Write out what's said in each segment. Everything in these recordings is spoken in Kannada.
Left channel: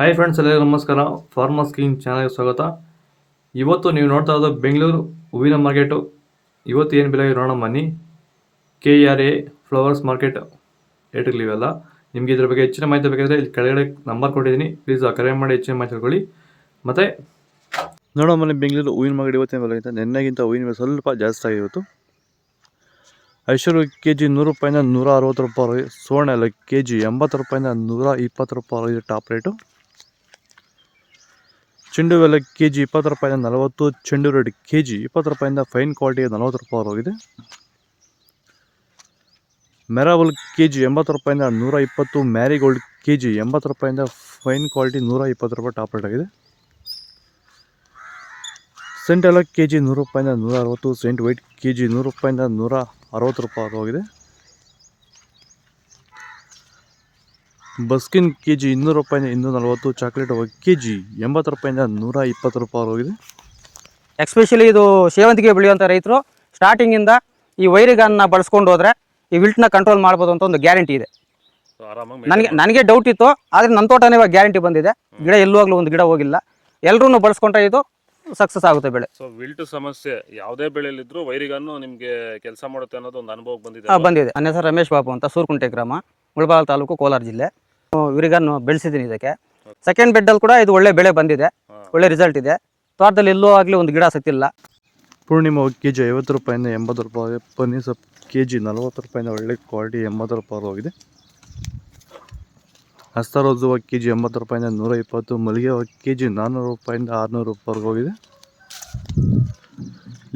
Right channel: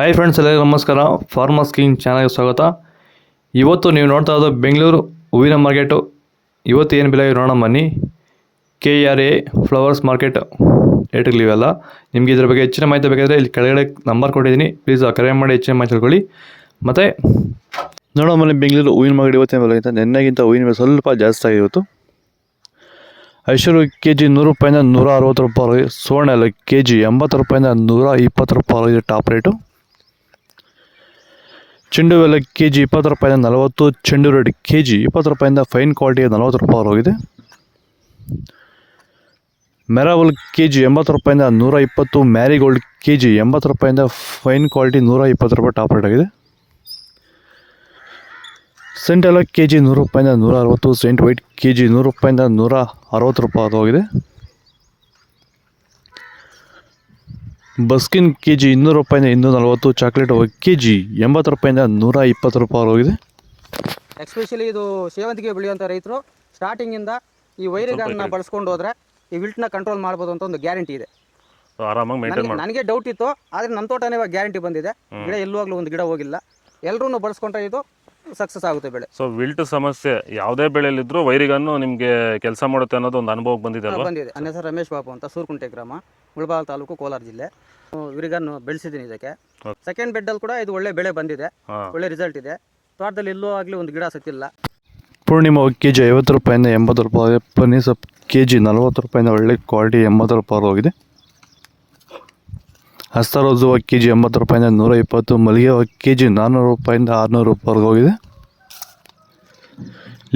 ಹಾಯ್ ಫ್ರೆಂಡ್ಸ್, ಎಲ್ಲರಿಗೂ ನಮಸ್ಕಾರ. ಫಾರ್ಮರ್ಸ್ ಕಿಂಗ್ ಚಾನಲ್ಗೆ ಸ್ವಾಗತ. ಇವತ್ತು ನೀವು ನೋಡ್ತಾ ಇರೋದು ಬೆಂಗಳೂರು ಹೂವಿನ ಮಾರ್ಕೆಟು. ಇವತ್ತು ಏನು ಬೆಲೆ ನೋಡೋಣ ಬನ್ನಿ. KRA ಫ್ಲವರ್ಸ್ ಮಾರ್ಕೆಟ್ ರೇಟ್ಗಳಿವೆಲ್ಲ. ನಿಮಗೆ ಇದ್ರ ಬಗ್ಗೆ ಹೆಚ್ಚಿನ ಮಾಹಿತಿ ಬೇಕಾದರೆ ಇಲ್ಲಿ ಕೆಳಗಡೆ ನಂಬರ್ ಕೊಟ್ಟಿದ್ದೀನಿ, ಪ್ಲೀಸ್ ಕರೆ ಮಾಡಿ ಹೆಚ್ಚಿನ ಮಾಹಿತಿ ತಿಳ್ಕೊಳ್ಳಿ. ಮತ್ತು ನೋಡೋಣ ಬನ್ನಿ, ಬೆಂಗಳೂರು ಹೂವಿನ ಮಾರ್ಕೆಟ್ ಇವತ್ತಿನ ಬೆಲೆ ಅಂತ ನೆನ್ನೆಗಿಂತ ಹೂವಿನ ಬೆಲೆ ಸ್ವಲ್ಪ ಜಾಸ್ತಿ ಆಗಿದೆ ಇವತ್ತು. ಐಶ್ವರ್ಯ KG 100 ರೂಪಾಯಿಂದ 160 ರೂಪಾಯಿ. ಸುವರ್ಣ ಎಲ್ಲ KG 80 ರೂಪಾಯಿಂದ 120 ರೂಪಾಯಿ ಟಾಪ್ ರೇಟು. ಚೆಂಡು ಎಲ್ಲ KG 20 ರೂಪಾಯಿಂದ 40. ಚೆಂಡು ರೆಡ್ KG 20 ರೂಪಾಯಿಂದ ಫೈನ್ ಕ್ವಾಲಿಟಿಗೆ 40 ರೂಪಾಯಿ ಹೋಗಿದೆ. ಮೆರಾವಲ್ KG 80 ರೂಪಾಯಿಂದ 120. ಮ್ಯಾರಿಗೋಲ್ಡ್ KG 80 ರೂಪಾಯಿಂದ ಫೈನ್ ಕ್ವಾಲಿಟಿ 120 ರೂಪಾಯಿ ಟಾಪ್ ರೇಟ್ ಆಗಿದೆ. ಸೆಂಟ್ ಎಲ್ಲ KG 100 ರೂಪಾಯಿಂದ 160. ಸೆಂಟ್ ವೈಟ್ KG 100 ರೂಪಾಯಿಂದ 160 ರೂಪಾಯಿ ಹೋಗಿದೆ. ಬಸ್ಕಿನ್ KG 200 ರೂಪಾಯಿಂದ 240. ಚಾಕ್ಲೇಟ್ KG 80 ರೂಪಾಯಿಂದ 120 ರೂಪಾಯಿ ಹೋಗಿದೆ. ಎಸ್ಪೆಷಲಿ ಇದು ಸೇವಂತಿಗೆ ಬೆಳೆಯುವಂಥ ರೈತರು ಸ್ಟಾರ್ಟಿಂಗಿಂದ ಈ ವೈರಿಗಾನ್ನ ಬಳಸ್ಕೊಂಡು ಹೋದರೆ ಈ ವಿಲ್ಟ್ನ ಕಂಟ್ರೋಲ್ ಮಾಡ್ಬೋದು ಅಂತ ಒಂದು ಗ್ಯಾರಂಟಿ ಇದೆ. ನನಗೆ ಡೌಟ್ ಇತ್ತು, ಆದರೆ ನನ್ನ ತೋಟನೇ ಇವಾಗ ಗ್ಯಾರಂಟಿ ಬಂದಿದೆ. ಗಿಡ ಎಲ್ಲುವಾಗಲೂ ಒಂದು ಗಿಡ ಹೋಗಿಲ್ಲ. ಎಲ್ಲರೂ ಬಳಸ್ಕೊಂಡ್ರೆ ಇದು ಸಕ್ಸಸ್ ಆಗುತ್ತೆ ಬೆಳೆ. ಸೊ ವಿಲ್ಟ್ ಸಮಸ್ಯೆ ಯಾವುದೇ ಬೆಳೆಯಲ್ಲಿದ್ದರೂ ವೈರಿಗನ್ನು ನಿಮಗೆ ಕೆಲಸ ಮಾಡುತ್ತೆ ಅನ್ನೋದು ಒಂದು ಅನುಭವ ಬಂದಿದೆ. ನನ್ನ ಹೆಸರು ರಮೇಶ್ ಬಾಬು ಅಂತ, ಸೂರ್ಕುಂಟೆ ಗ್ರಾಮ, ಮುಳಬಾಗಿಲು ತಾಲೂಕು, ಕೋಲಾರ ಜಿಲ್ಲೆ. ವಿರಿಗನ್ನು ಬೆಳೆಸಿದ್ದೀನಿ. ಇದಕ್ಕೆ ಸೆಕೆಂಡ್ ಬೆಡ್ಡಲ್ಲಿ ಕೂಡ ಇದು ಒಳ್ಳೆ ಬೆಳೆ ಬಂದಿದೆ, ಒಳ್ಳೆ ರಿಸಲ್ಟ್ ಇದೆ. ತೋಟದಲ್ಲಿ ಎಲ್ಲೂ ಆಗಲಿ ಒಂದು ಗಿಡ ಸತ್ತಿಲ್ಲ. ಪೂರ್ಣಿಮಾ KG 50 ರೂಪಾಯಿಂದ 80 ರೂಪಾಯಿ. ಪನ್ನೀರ್ ಸೊಪ್ಪು KG 40 ರೂಪಾಯಿಂದ ಒಳ್ಳೆ ಕ್ವಾಲಿಟಿ 80 ರೂಪಾಯಿ ಹೋಗಿದೆ. ಹಸ್ತರೋಜು KG 80 ರೂಪಾಯಿಂದ 120. ಮಲ್ಲಿಗೆ KG 400 ರೂಪಾಯಿಂದ 600 ರೂಪಾಯಿ ಹೋಗಿದೆ.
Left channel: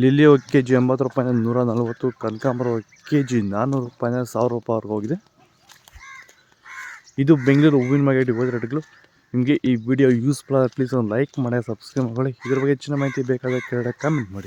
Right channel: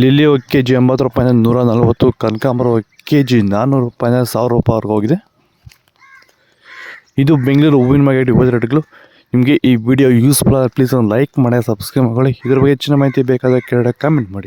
ಲಿಲ್ಲಿ KG 80 ರೂಪಾಯಿಂದ 140. ಕನಕಾಂಬರ KG 400 ರೂಪಾಯಿಂದ 1000 ರೂಪಾಯಿ ಹೋಗಿದೆ. ಇದು ಬೆಂಗಳೂರು ಹೂವಿನ ಮಾರ್ಕೆಟ್ ಇವತ್ತು ರೇಟ್ಗಳು. ನಿಮಗೆ ಈ ವಿಡಿಯೋ ಯೂಸ್ಫುಲ್ ಆದರೆ ಪ್ಲೀಸ್ ಒಂದು ಲೈಕ್ ಮಾಡಿ, ಸಬ್ಸ್ಕ್ರೈಬ್ ಮಾಡಿ. ಇದ್ರ ಬಗ್ಗೆ ಹೆಚ್ಚಿನ ಮಾಹಿತಿ ಬೇಕಾದರೆ ಕೆಳಗಡೆ ಕಾಮೆಂಟ್ ಮಾಡಿ.